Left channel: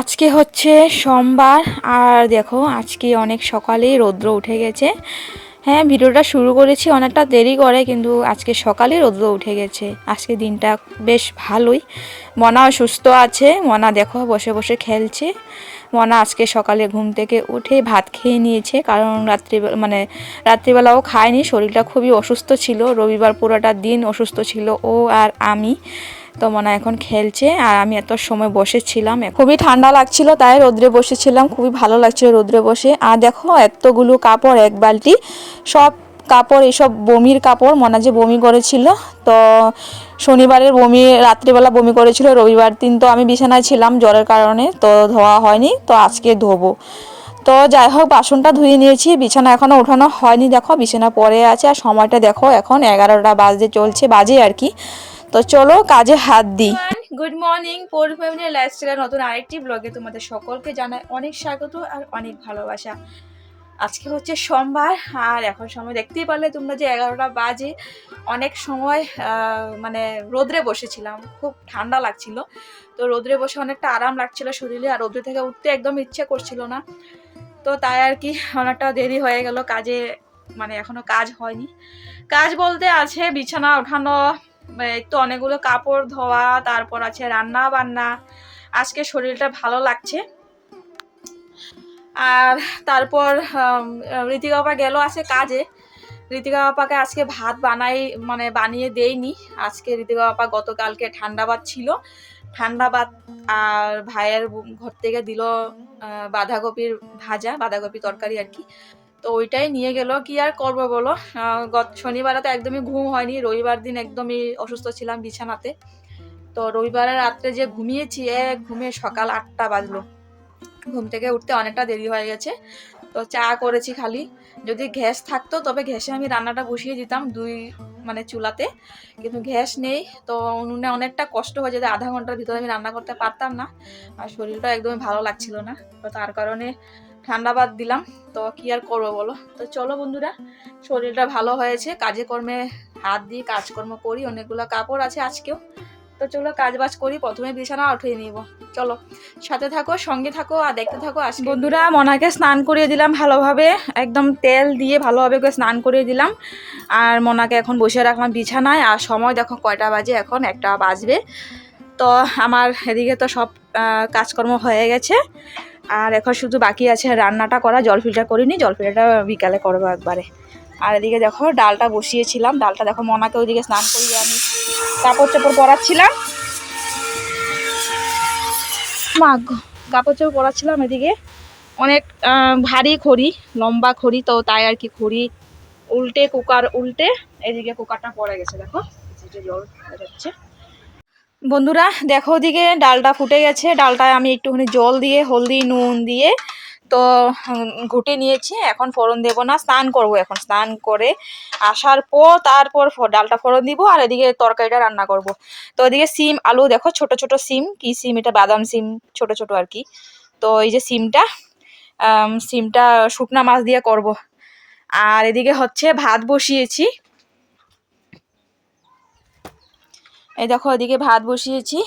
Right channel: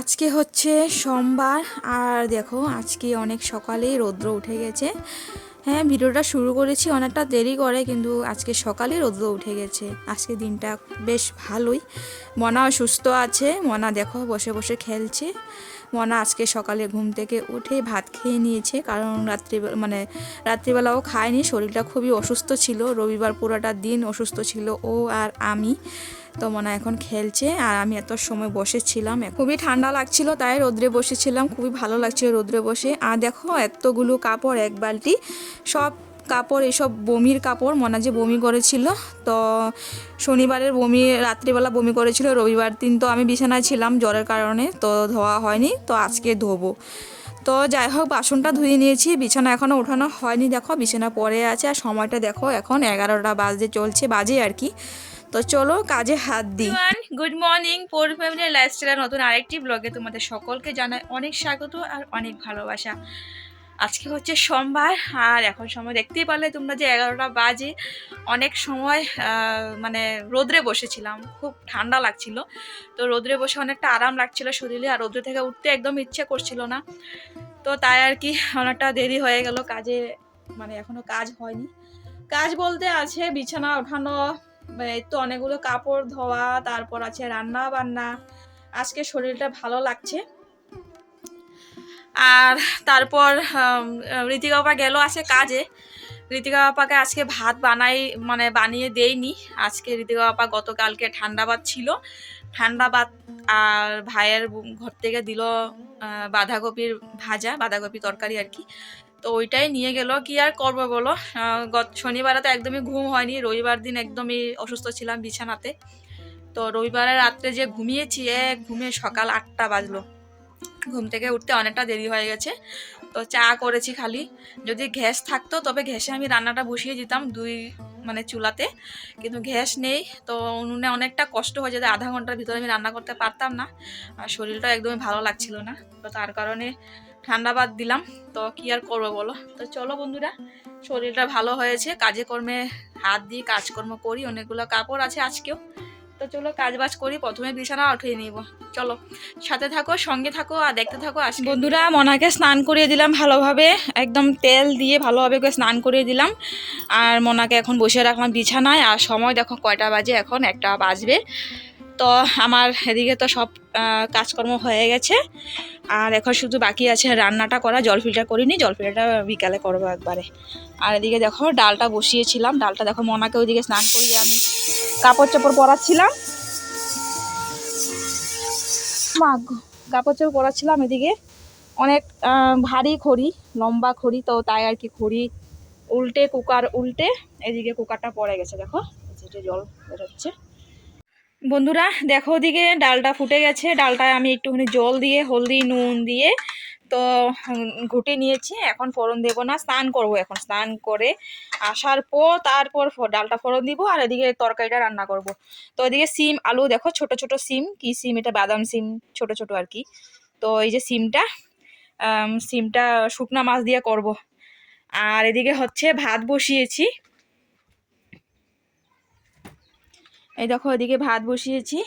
আজকে হচ্ছে সোমবার, আর দেখো আজকে অনেক সকালেই রৌদ্র উঠে গেছে। হ্যাঁ ভিডিওটা শুরু করেছি অনেকটা দেরি করে, কিন্তু আজকে সকালে রৌদ্র উঠে গেছে। আজকে দিনটা বেশ ভালোই। মনাও সুস্থ আছে। মনা দেখো বসে বসে খেলছে। মনা আজকে সকালে ঘুম থেকে উঠে ভাত খেয়ে নিয়েছে, কারণ রাত্রি মানে রাত্রিবেলাও খায়নি, শরীরটা খুবই অসুস্থ ছিল। রবিবার পুরোটা দিন অসুস্থ ছিল ও আর আমি। তো মনে এখন খেলছে আর আমি এত সময় বসেছিলাম খুবই ঠান্ডা লাগছিল, তাই রোদ্রে বসেছিলাম, খুবই ভালো লাগছিল রোদ্রে বসে। আর দেখো এতগুলো কাপড়, এক বালতি, সব কাপড়, এসব বমির কাপড় মনে যে বমি করেছিল, তো শনিবারের বমি, রাত্রিবেলা বমি করেছিল, রবিবার দিন তো আমি বিছানায় ছিলাম জ্বরের কারণে, তো ধোয়া হয়নি, তো আজকে ধোবো। তো যাই হোক, বাসনটা ধুয়ে নিয়েছি, বিছানা এখনও ওঠানো হয়নি, দেখো বিছানা পরে আছে, আর সময়টা দেখো এখন এগারোটা বাজে চলছে, বাজে আর কি। তো চলো কাজে হাত দিই। গুড মর্নিং পোর ফ্যামিলি লাইফস্টাইলের নতুন আরেকটি ব্লগে তোমাদের সকলকে জানাই অনেক স্বাগত আর অনেক ভালোবাসা। আজকে হচ্ছে সোমবার, আর এখন সময় দেখতেই পারলে তোমরা যে এগারোটা বাজে। অনেক সময় মানে রোদ্রে বসেছিলাম, খুব ঠান্ডা লাগছিল। তো রোদ্রে বসে অনেকটা আরাম লাগছিল শরীরে, আর রোদ্রে থেকে উঠতে একদম ইচ্ছে করছিল না। তো তাই আর কি, অনেকটা দেরি হয়ে গেল কাজে মানে এখনও কাজ হয়নি। কাজ বলতে আছে বিছানা ওঠানো তো অনেকগুলো কাপড় ধোয়া, তারপর আছে রান্না বান্না। আজকে শরীরটা ভালো লাগছে। আর তারপর ঋতিকা বাবা গেল আছে কাজে। ঋতিকা বাপাকে আজকে ভাত বানাই মানে বানিয়ে দেইনি। আজকে ঋতিকা বাপা গতকালকে ঠান্ডা ভাত ছিল। ঠান্ডা ভাত আর ভাইয়ের ঘর থেকে দিল বাঁধাকপির ভাজা বাঁধাকপি তরকারি আর কি। তো ওইটাই নিয়ে গেল। কি আর করব বলো? গত শনিবারে তো একদমই ঘুম হয়নি। রবিবার দিন একদমই অসুস্থ ছিলাম বিছানাতে। তো রবিবারের রাত্রে যে ঘুমিয়েছি এক ঘুমিয়ে সকাল আটটা বাজলো। ঘুম থেকে উঠতে অনেকটা দেরি হয়ে গেছে। তো চা করেছি খালি। যদি গ্যাস থাকতো, তবে গ্যাসে আমি রান্নাটা বসিয়ে দিতাম দুই মানে চুলাতে। কিন্তু গ্যাস নেই, তো উনুনে অনেকটা কষ্ট হয়ে যেত। আধা ঘণ্টার ভিতরে আমি রান্না করতে পারতাম না। আর শরীরটা একদমই ভালো লাগছিল না। তো তার কারণে ঠান্ডা বাদ দিলাম। তো কি আর করব বলো? তো চলো বন্ধুরা, শরীরটা ভালো হয়েছে, কাজে কর্মে হাত দিই কাজকর্ম করি, অনেকগুলো কাপড় আছে আজকেও। তো চলো কাজ বাজ করি, প্রথমে বিছানা উঠিয়ে নিব। চলো, সাথে থাকো, সঙ্গে থাকো আর দেখতে থাকো আজ বন্ধুরা, মনাকে স্নান করিয়ে দিলাম ভালোভাবে, একদম তেল দিয়ে ভালোভাবে ওকে স্নান করিয়ে দিলাম। আর মনাকে এখন বসে রাখলাম বিছানায়। আর সময় দেখো কয়টা বাজে, এখন একটা বাজবে। তো আমার এদিকে তো সব কাজকর্ম হয়ে গেছে। আর এখন শুধু বাকি আছে রান্নাটা করা, জল ফিল্টার করিনি, জল ফিল্টারটা বিকালে করব একবারে। আর এদিকে দেখো, ডালটা বসিয়েছিলাম, ডালটা দেখো মনাকে ওইদিকে স্নান করিয়ে আমি কাপড় চাপড় পরাচ্ছিলাম। মাগ কাপড় চাপড় পরাচ্ছিলাম এদিকে। অনেক ভারী খড়ি, লম্বা খড়ি, তো তাই আর কি খড়ি উল্টে, কুকার উল্টে, এদিকে কুকারটা পড়ে গেছে, দেখো। জল বেরোচ্ছে। বন্ধুরা, দেখো ওদিকে ডালটা ফুটে গেছে। ডালটায় আমি একটুখানি জল দিয়ে, হলদি, নুন দিয়ে তো ঘুটে নিয়েছি। এখন ফোড়ন দেবো না, স্নান করব এখন। স্নান করে আসার পর তারপর ডালটা ফোড়ন দিব আর এদিকে তরকারিটা রান্না করব। তো ওদিকে সিম, আলু দেখো, ছোট ছোট সিম। কি সিম এটা? বাদাম সিম, ছোট ছোট আর কি। তো এই যে সিমটা সিমটা শুকনা মাছ দিয়ে করব। আর এদিকে হচ্ছে ভাত বসিয়েছি। এই দেখো এদিকে ভাত বসিয়েছি।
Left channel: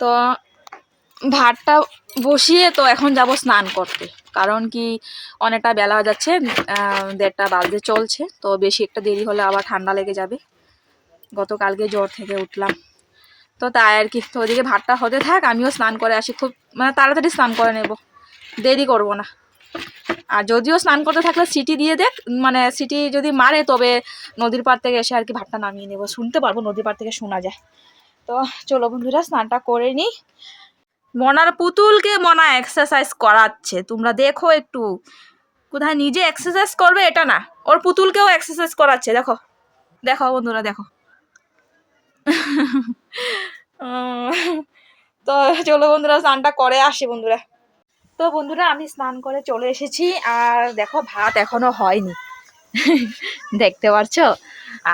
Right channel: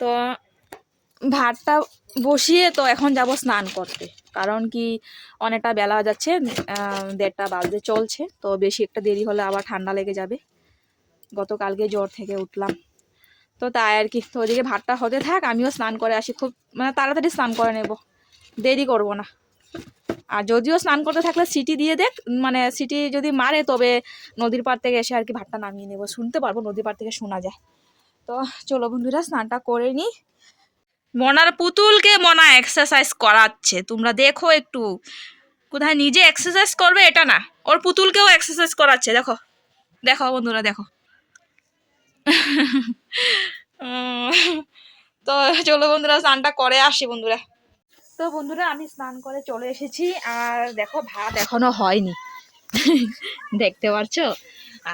তো ভাতটা বসিয়ে তো এখন যাব স্নান করতে। কারণ কি অনেকটা বেলা যাচ্ছে দেড়টা বাজতে চলছে। তো বেশি একটা দেরি হলে আবার ঠান্ডা লেগে যাবে। গতকালকে জ্বর থেকে উঠলাম। তো তাই আর কি, তো ওদিকে ভাতটা হতে থাক, আমিও স্নান করে আসি। খুব মানে তাড়াতাড়ি স্নান করে নেব। দেরি করব না। আর যদিও স্নান করতে থাকলে সিটি দিয়ে দেখ মানে সিটি যদি মারে তবে নদীর পাড় থেকে এসে আর কি ভাতটা নামিয়ে নেব। শুনতে পারব নদীর পাড় থেকে শোনা যায়। তো চলো বন্ধুরা, স্নানটা করে নিই মনার পুতুলকে মনা এক্সারসাইজ করাচ্ছে। তোমরা দেখো একটু। কোথায় নিজে এক্সারসাইজ করবে এটা না। ওর পুতুলকেও এক্সারসাইজ করাচ্ছে, দেখো। দেখো বন্ধুরা, দেখো। তো চলো বন্ধুরা, স্নানটা করে আসি বন্ধুরা। তো বন্ধুরা, আমি স্নান করে চলে এসেছি। আর দেখো, ভাত এখনও হয়নি। দেখতে পারছ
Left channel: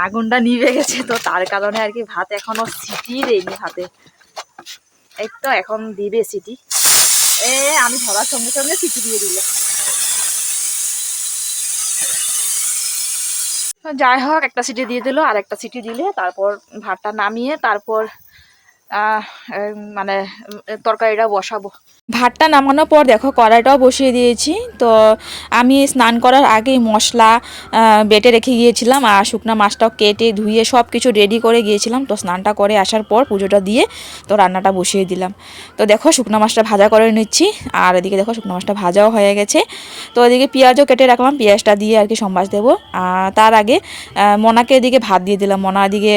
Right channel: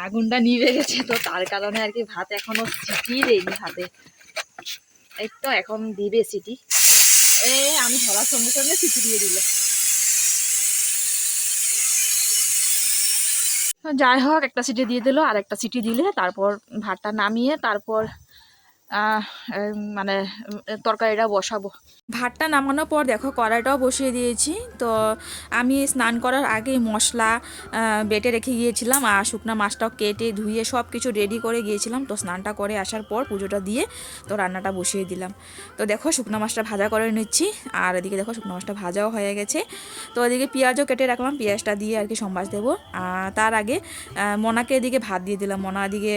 আগুনটা নিভে গেছে, তো তার কারণে আর কি ভাত এখনও সিটি দেয়নি হাতে। এই তো এখন দিবে সিটি। এ, আমি ধরার সঙ্গে সঙ্গে সিটি দিয়ে দিল। যাই হোক, একটা সিটি দিয়ে দিল আর একটা সিটি দিলে তারপর ভাতটা নামিয়ে তারপর মানে তরকারিটা বসাবো। ভাতটা নামানোর পর দেখো কড়াইটাও বসিয়ে দিয়েছি। তো আমি স্নান করার আগেই মশলা বেটে রেখে গিয়েছিলাম আর শুকনো মাছটাও কেটে ধুয়ে সব কিছু রেডি করে গিয়েছিলাম। তো স্নানটা করে আসার পর পুজোটা দিয়ে তো রান্নাটা বসিয়ে দিলাম। তো দেখো শুকনো মাছটা ভাজা করে নিচ্ছি। আর এদিকে দেখো শুকনো মাছটা ভাজাও হয়ে গেছে। তো এদিকে পেঁয়াজও কেটে রাখলাম। পেঁয়াজটা দিয়ে আর কি সম্বাস দেবো। তার আগে মনাকে এদিকে ভাত দিয়ে দিলাম। মনা এদিকে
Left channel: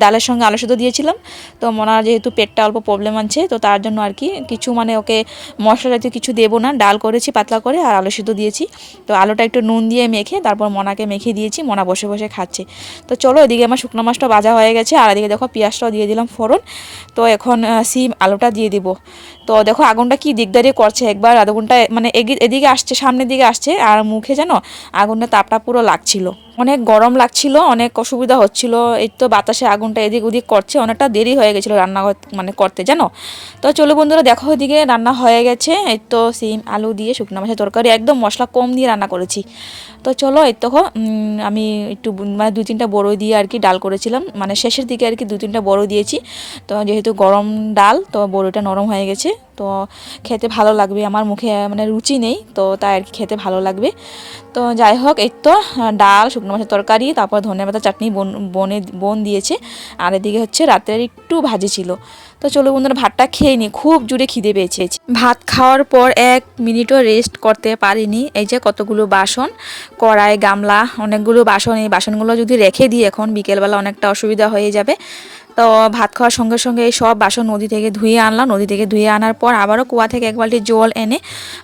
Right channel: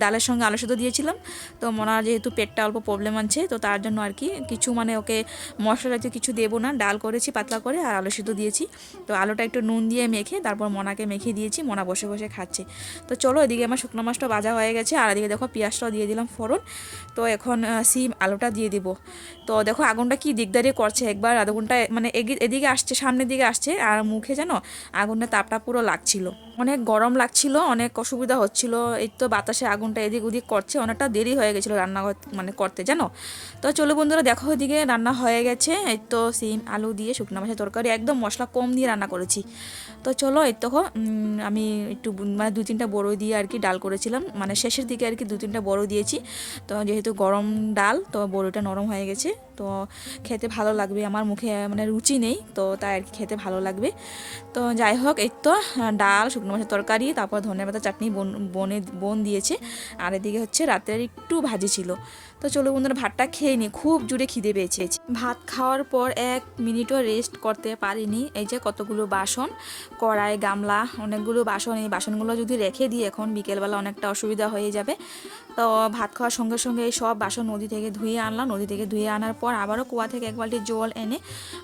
ডালের সঙ্গে আলু সেদ্ধ দিয়েছিলাম। তো মনার যেহেতু পেটটা অল্প প্রবলেম আছে, তো তার জন্য আর কি কিছু মানে ওকে মশলা জাতীয় কিছু দেবো না, ডাল করেছি, পাতলা করে আর আলু সেদ্ধ দিয়েছি। তো আলুটা একটু নুন দিয়ে মেখে তারপর মনাকে মেখে দিয়েছি, মনা বসে বসে খাচ্ছে। তো চলো এদিকে আমার শুকনো মাছটা ভাজা হয়ে গেছে, আর এদিকে দেখো পেঁয়াজটাও দিয়ে দিলাম ফোড়ন। তো এখন সিম আলুটা দিয়ে দিব। তো দেখো আগুনটা কি দিকদারি করছে? একবার আগুনটা মানে এদিকে আসছে সামনের দিকে আসছে আর মুখে যেন আগুনের তাপটা পুরো লাগছিল। অনেক গরম লাগছিল অনেক অসুবিধা হচ্ছিল। এই তো বাতাসে আগুনটা এদিক ওদিক করছে অনেকটা দেরি হয়ে গেছিল রান্না মানে করতে জানো? তো চলো বন্ধুরা দেখো এদিকে রান্না হয়ে গেছে। এই তো সিম আলু দিয়ে শুকনো মাছের তরকারি একদম মশলা কম দিয়ে রান্না করেছি। তো চলো এই তো উম, আমি একটু মানে দুই তিনটা বড়ই দিয়ে আর কি ডাল করেছিলাম। মানে শেষের দিকে আর কি দু তিনটা বড়ই দিয়েছি। তো যেহেতু গরম ডাল তো বড়িটা নরম হয়ে গেছে। তো খেতে ভালো লাগবে। আমার মুখে মানে রুচি নেই, তো তাই আর কি খেতে ভালো লাগবে। তো যাই হোক, এই তো ডাল, শুকনো মাছের তরকারি, তারপর ধনে পাতা, চাটনি, বোন, বনে, বোন দিয়েছে। আর এদিকে হচ্ছে রাতের একটু ভাজি ছিল। তো চলো বন্ধুরা, ভাতটা খেয়ে নি, খুব জুড়ে খিদে পেয়েছে। ভাত খাওয়ার পর এক মিনিটও রেস্ট করতে পারিনি। এই যে কতগুলো বাসন, কড়াই, গামলা, অনেকগুলো বাসন, এই বাসনগুলো যদি রেখে দিই এখন, বিকেলবেলা অনেকটা অসুবিধা হয়ে যাবে। তো ভাত খাওয়ার সঙ্গে সঙ্গে এই সব বাসন নদী থেকে ধুয়ে আনলাম। নদী থেকে ধুয়ে আনার পর আবারও কুয়া থেকে এক বালতি জল এনে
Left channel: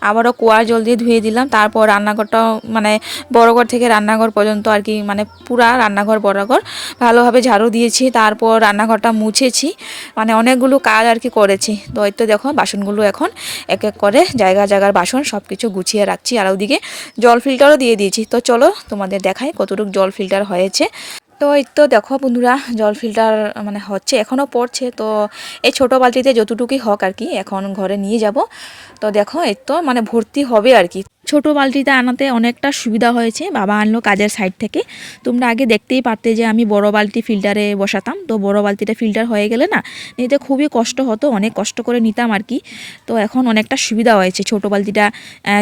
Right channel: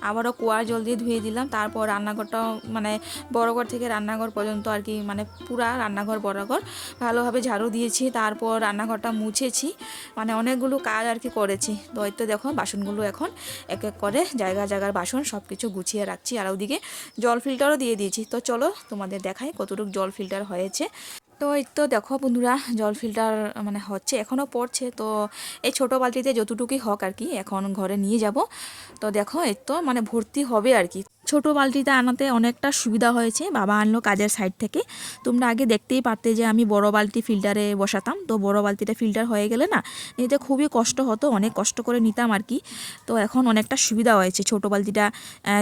আবারও কুয়ার জল দিয়ে ধুয়ে দিলাম। তারপর রান্নাঘরটাও মানে বড় ঘর থেকে রান্নাঘর পর্যন্ত আর কি মানে পুরা রান্নাঘর বরাঘর ভালোভাবে ঝাড়ু দিয়েছি, তারপর রান্নাঘরটা মুছেছি। মানে অনেকগুলো কাজ আর কি করেছি। তো দেখো বাসনগুলো এখন এক এক করে জায়গা জায়গার বাসন সব কিছু গুছিয়ে রাখছি। আর ওদিকে জল ফিল্টারও দিয়ে দিয়েছি। তো চলো তোমাদের দেখাই কতটুকু জল ফিল্টার হয়েছে। তো এই তো দেখো বন্ধুরা, জল ফিল্টার মানে হচ্ছে এখনও পড়ছে। তো এই ছোটো বালতিতে যতটুকুই হোক আর কি, এখন ঘরে নিয়ে যাব। তো দেখো, এই তো মানে ভর্তি হবে আর কি। ছোটো বালতিতে আনাতে অনেকটা সুবিধা হয়েছে। বাবা আনলো কাজের সাইড থেকে। তোমরা আগে দেখতেই পারতে যে আমি বড় বালতি ফিল্টারে বসাতাম। তো বড় বালতিটা ফিল্টার হয়ে গেলে না, নিতে খুবই কষ্ট হতো, অনেক কষ্ট করে নিতাম আর কি। তো এখন অনেকটা সুবিধা হয়েছে ছোটো বালতিটা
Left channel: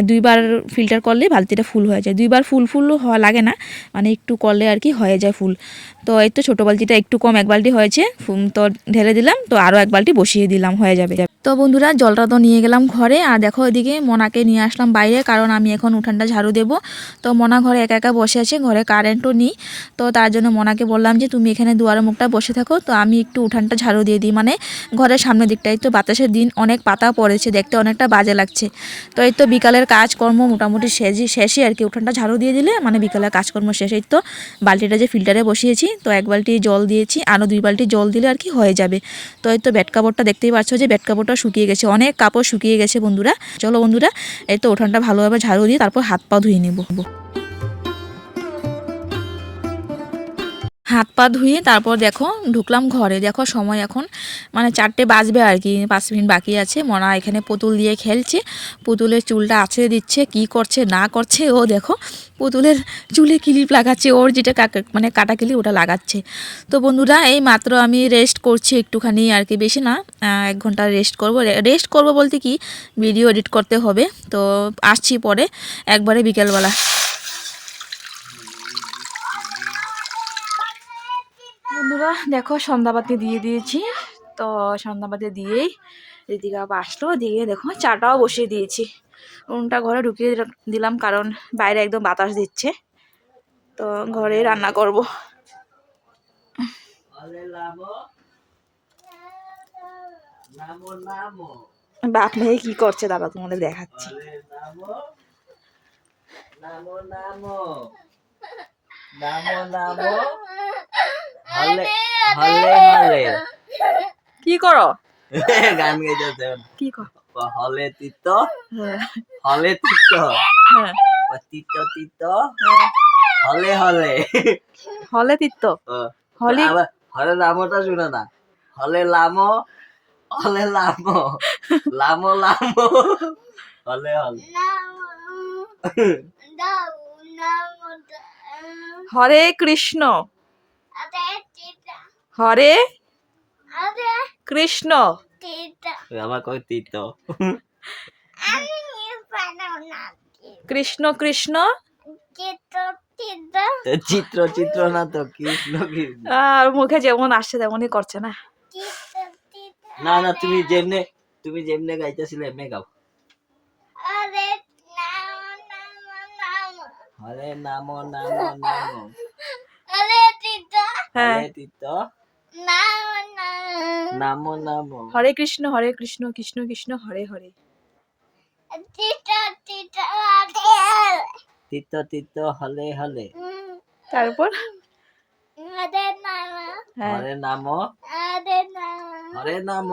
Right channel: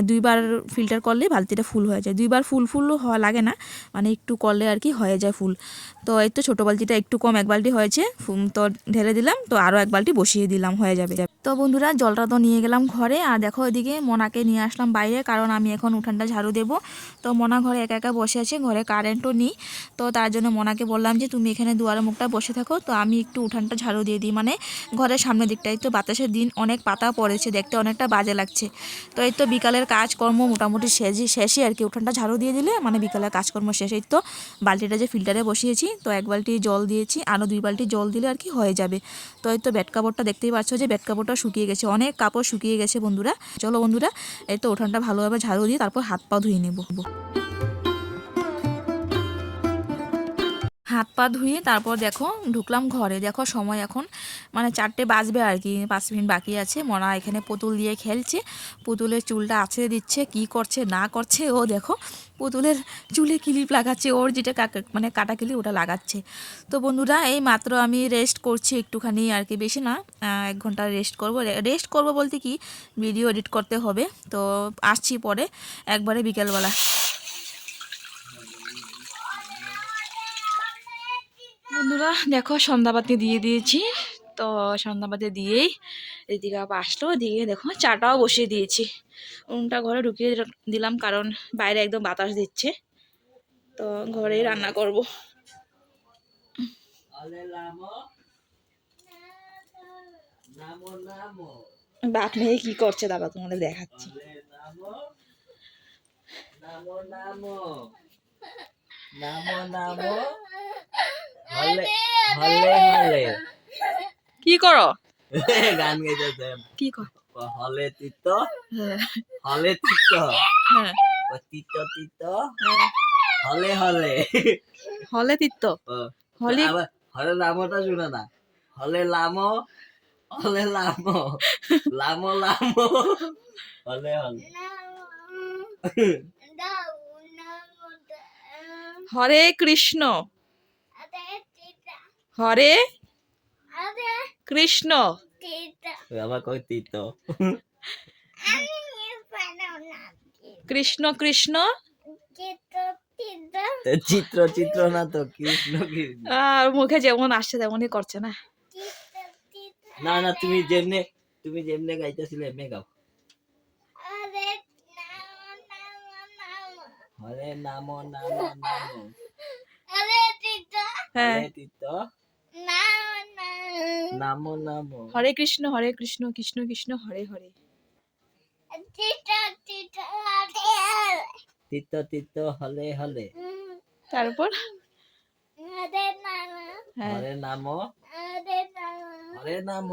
দুইবার ফিল্টার করলে বালতিটা ফুল হয়ে যায়। দুইবার ফুল ফুল হওয়া লাগে না মানে একটু করলে আর কি হয়ে যায় ফুল তো এই তো ছোটো বালতিটা একটু কম এক বালতি হয়েছে তো ঢেলে দিলাম, তো আরও এক বালতি বসিয়ে দিলাম, হয়ে যাবে। তো বন্ধুরা, জলটা তো নিয়ে গেলাম ঘরে। আর দেখো এদিকে মনাকে নিয়ে আসলাম বাইরে, কারণ আমি এখন উঠানটা ঝাড়ু দেবো। তো মনা ঘরে একা একা বসে আছে, ঘরে কারেন্টও নেই। তো তার জন্য মনাকে বললাম যে, তুমি এখানে দুয়ারে মুখটা বসে থাকো। তো আমি একটু উঠানটা ঝাড়ু দিয়ে দিই। মানে ঘরের সামনের দিকটাই তো বাতাসের দিন অনেক পাতা পড়েছে, দেখতে অনেকটা বাজে লাগছে। তো এই তো বিকালের কাজকর্ম মোটামুটি শেষই শেষই আর কি। উঠানটা ঝাড়ু দিয়ে দিলে মানে বিকালের কাজকর্ম শেষ। তো বালতিটা যে ফিল্টারে বসিয়েছি, তো এক বালতি জল দিয়েছি আরও দুই বালতি জল দিলে আর কি হয়ে যাবে। তো এই তো বেড কাপড়টা দেখতেই পাচ্ছ যে, বেড কাপড়টা শুকিয়ে গেছে, অনেক কাপড় শুকিয়ে গেছে বন্ধুরা। চলো বন্ধুরা, এই তো উঠানটা ভালোভাবে ঝাড়ু দিয়ে তারপর হাত পা ধুয়ে নেব। হাত পা ধুয়ে তারপর দেখো ঢুকলাম ঘরে। দেখো সময় এখন মানে চারটে বাজবে আর কি, পাঁচ মিনিট বাকি আছে। মনা এখানে পুতুল দিয়ে খেলছে। পুতুলের চুলটা আছড়ে দিচ্ছে, কি করছে, না করছে। ও দেখো পুতুলের চুলে ক্লিপ লাগাচ্ছে, ওর যেটা মানে কাটা ক্লিপ ওটা লাগাচ্ছে। তো বন্ধুরা, এই মাত্র আমি রেস্ট করছি একটুখানি আর কি, বেশি না এক ঘণ্টা রেস্ট করব। রেস্ট করব বলতে কি ভিডিও এডিট করতে হবে। তো আসছি পরে, একবারে বিকেলবেলা। বন্ধুরা, দেখো সন্ধ্যাবাতি দিয়ে দিয়েছি। তো সন্ধ্যাবাতি দিয়েই দিদিকা আসলো, দিয়ে দেখো চাটাও বসিয়ে দিয়েছি। উনুনটা ঘরে ঢুকিয়ে দিলাম- কারণ বাইরে একদম বাতাস দিচ্ছে। তো ঘরে রান্না করব। বাপ মেয়ে কি করছে দাদা, তোমাদের দেখাচ্ছি। কি করো? গান গাইতেছে। কি কর? হলে তিত? হ্যাঁ। হলে তিত? হ্যাঁ। তিত তিত? হলে হলে। হলে তিত্ত ও, হলি হলে লামোটা শুনে না। হলে লামো হলে লামো। লামো লামো। হলে হলে। হরে কৃষ্ণ। হরে কৃষ্ণ। আবার কয় তীর্থ কৃষ্ণ কৃষ্ণ? চিত্র চিত্র। না তো কৃষ্ণ কৃষ্ণ। আর মুখে যেমন আসছে তেমনই করছে না। না না তুমি যেমনে তুমি যেমনে গাইতেছিলে এমনি গাও। হরে নাম নাম নাম। হ্যাঁ। হরে তীর্থ নাম নাম। হরে কৃষ্ণ হরে কৃষ্ণ কৃষ্ণ কৃষ্ণ হরে হরে। তীর্থ তীর্থ হলে হলে। তারপর? হ্যাঁ। হরে নাম। হরে নাম।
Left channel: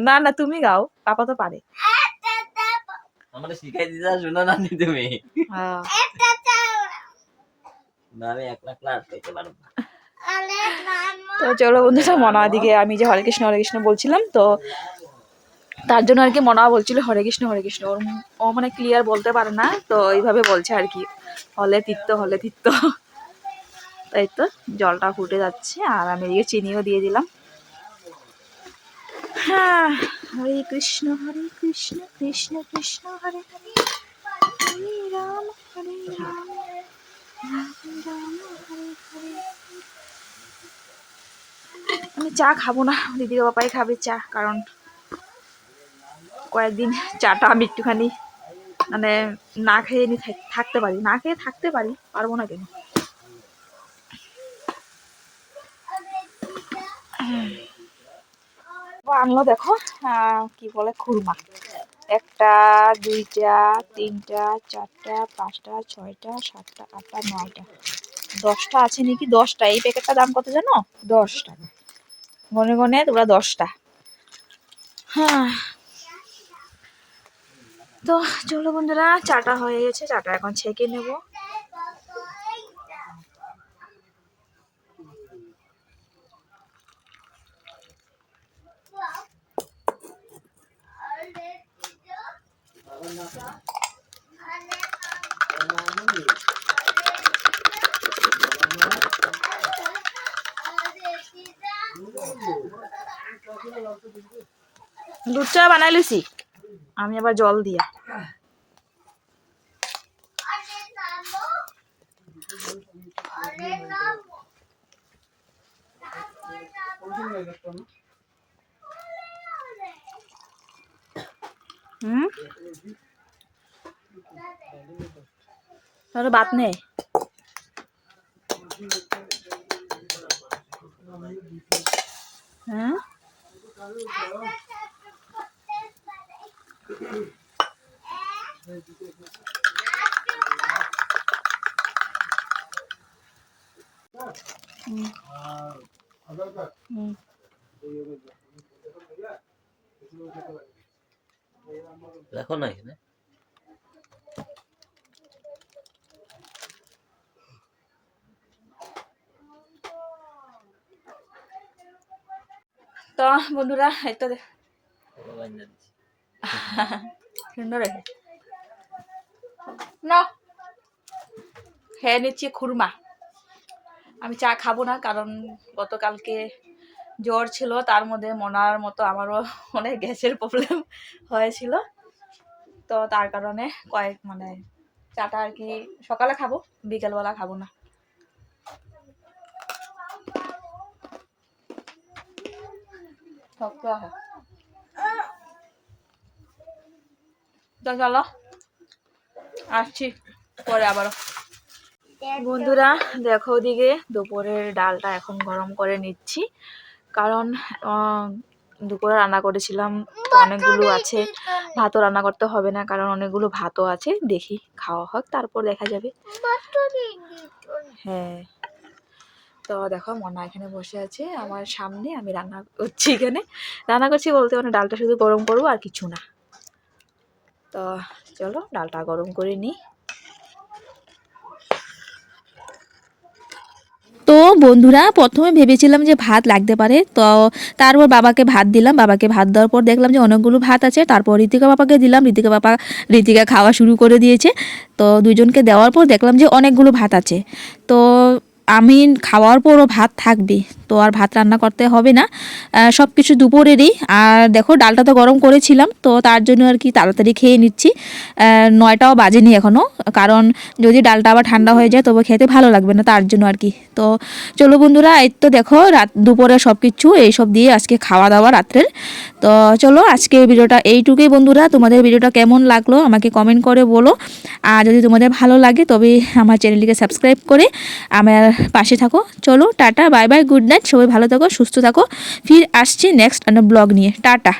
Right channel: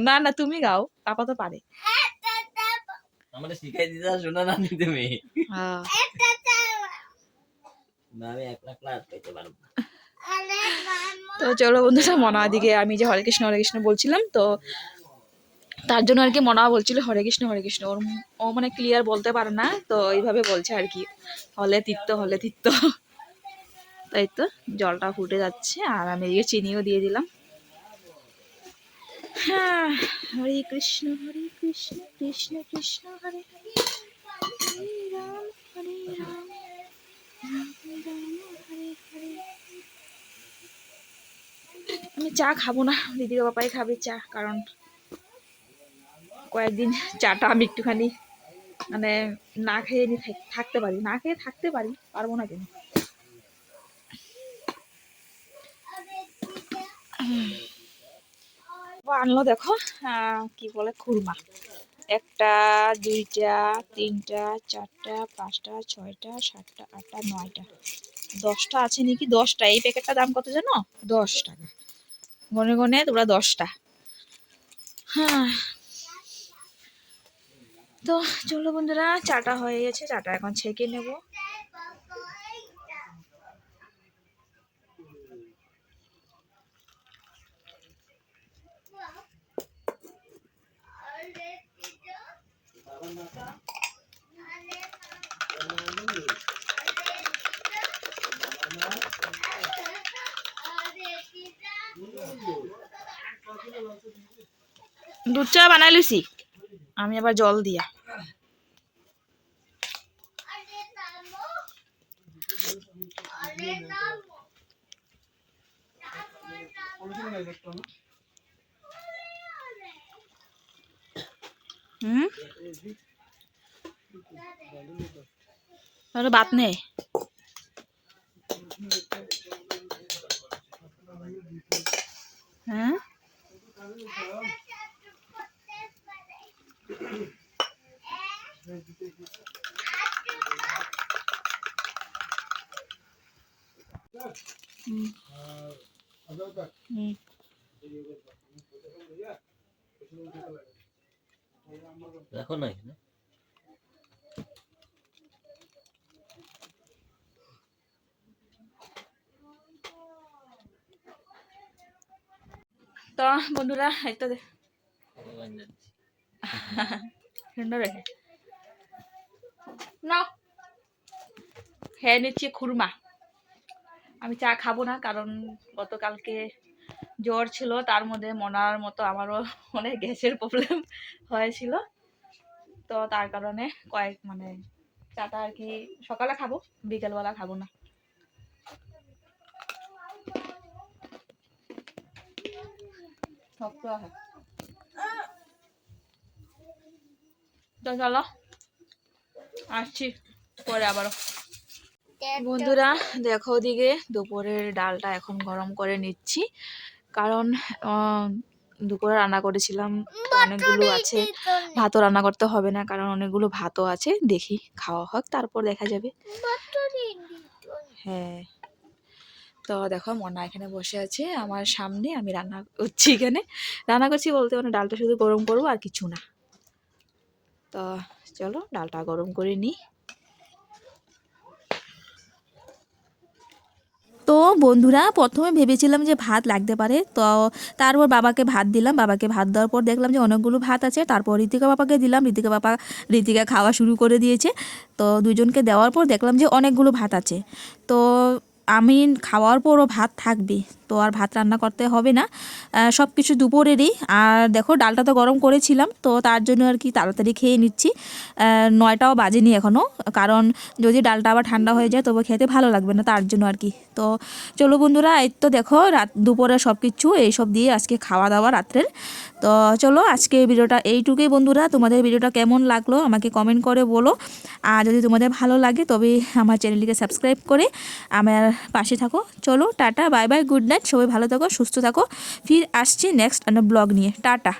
না না তুমি গাও পাপা তো পারে। আমাদের শিখাই দিতা শোনা না নি তুমি হ্যাঁ না আমি এক লাখ লাখ পেতে পারব না তো চলো বন্ধুরা মনা দিকে আমি যে হরে কৃষ্ণ হরে কৃষ্ণ বলছিলাম তো তার জন্য আর কি মনা বলছিল হরে কৃষ্ণ হরে কৃষ্ণ। ওর ও মানে ক্লিয়ার বলতে পারে না তো এইভাবে বলছে আর কি হলে তিত্ত হলে তিত্ত। তাই তো জলটা ফুটে যাচ্ছে আর আমি এদিকে চিনিও দিয়ে দিলাম। হ্যাঁ হরে কৃষ্ণ হরে কৃষ্ণ কৃষ্ণ কৃষ্ণ হরে হরে হরে রাম হরে রাম। আমি চা খাব না দিদির বাপাই খাবে চা, কারণ কয়েকদিন চাটা আমি একটুখানি মানে না খেয়ে নি, থাক- থাকতে পারি। না খেয়ে থাকতে পারি, পারব না কেন? আনলো দেখো কি বলে, খুরমা। একটা, দুইটা, তিনটা, চারটা, পাঁচটা, ছয়টা, সাতটা, আটটা, নয়টা। দশটা আছে নাকি? দশটা। এই প্যাকেটটা দাম কত জানো? দশ টাকা গনে গনে তোমরা দশটা। হ্যাঁ তো চলো বন্ধুরা, চাটা হয়ে গেছে। চাটা এখন ছেঁকে নেব। দুধ চা বানাই লুছি আমি আবার জল দিয়া। তাহলে বাত নেই হ্যাঁ। দেখো না এখানে তো বন্ধুরা একটা না হ্যাঁ নিচ্ছি খুরমা। আমি চা খাব না কারণ গতকালকে জ্বর ছিল তার মধ্যে মনার মতো আমারও অনেক গ্যাসের প্রবলেম হয়েছিল। তো তার কারণে কয়েক মানে চাটা আর কি সকালে খাব বিকেলবেলা খাব না। শক্ত চলো আসছি পরে আবারও বন্ধুরা দেখো ওদিকে দুপুরের ডালটা এখন গরম করে নিচ্ছি। কারণ দুপুরে রান্না করেছিলাম অনেকগুলো আছে। ভাতও রান্না করতে হবে না কারণ অনেকগুলো ভাতও আছে। দেখি খাওয়া হোক তারপর দেখা যাবে। হ্যাঁ। তো দেখো মনা এখানে বসে আছে আমার সামনে, আমি রান্না করছি এখানে। রান্না করছি বলতে মানে ডালটা শুধু গরম করব আর কিছু না। তো চলো ডালটা গরম করে নিই। তো বন্ধুরা, প্রথমে ভেবেছিলাম যে ভাত লাগতে পারে, তো তারপর বাবাকে ভাত দিলাম। বাবাকে ভাত দেওয়ার পর দেখলাম যে অনেকগুলো ভাত আছে। তারপর ঋতিকা বাবাকে দিলাম। ঋতিকা বাবা, ঋতিকা খাওয়া শুরু করে দিয়েছে। তো দুজনকে দেওয়ার পর দেখলাম যে অনেকগুলো ভাত আছে। তো আমি খাওয়ার পরও ভাত থাকবে। তো আর ভাত রান্না করতে হবে না। সব কিছু দুপুরেরই। আর দেখো, ডালটা তো গরম করেছিলাম, তো তার জন্য আর কি তাড়াতাড়ি খেয়ে নিচ্ছি। নয়টাও বাজেনি এখনও কারণ যদি ডালটা আবার ঠান্ডা হয়ে যায়, তবে খেতে ভালো লাগবে না তার জন্য আর কি। তো চলো বন্ধুরা, এই তো দেখো, রাত দুপুরে সব কিছু এইসব দিয়ে আজকে খাওয়া দাওয়া রাত্রের। তো চলো, আজকে ভিডিওটা এইটুকুই বন্ধুরা। তোমাদের ভিডিওটা কেমন লাগল আমাকে কমেন্ট করে বলো। আর যদি তোমাদের ভালো লাগে তবে আমার চ্যানেলটিকে সাবস্ক্রাইব করে আমার পাশে থাকো। চলো, টাটা বাই বাই গুড সবাই ভালো থাকো সুস্থ থাকো। ফির আসছি নেক্সট ব্লগ নিয়ে। টাটা।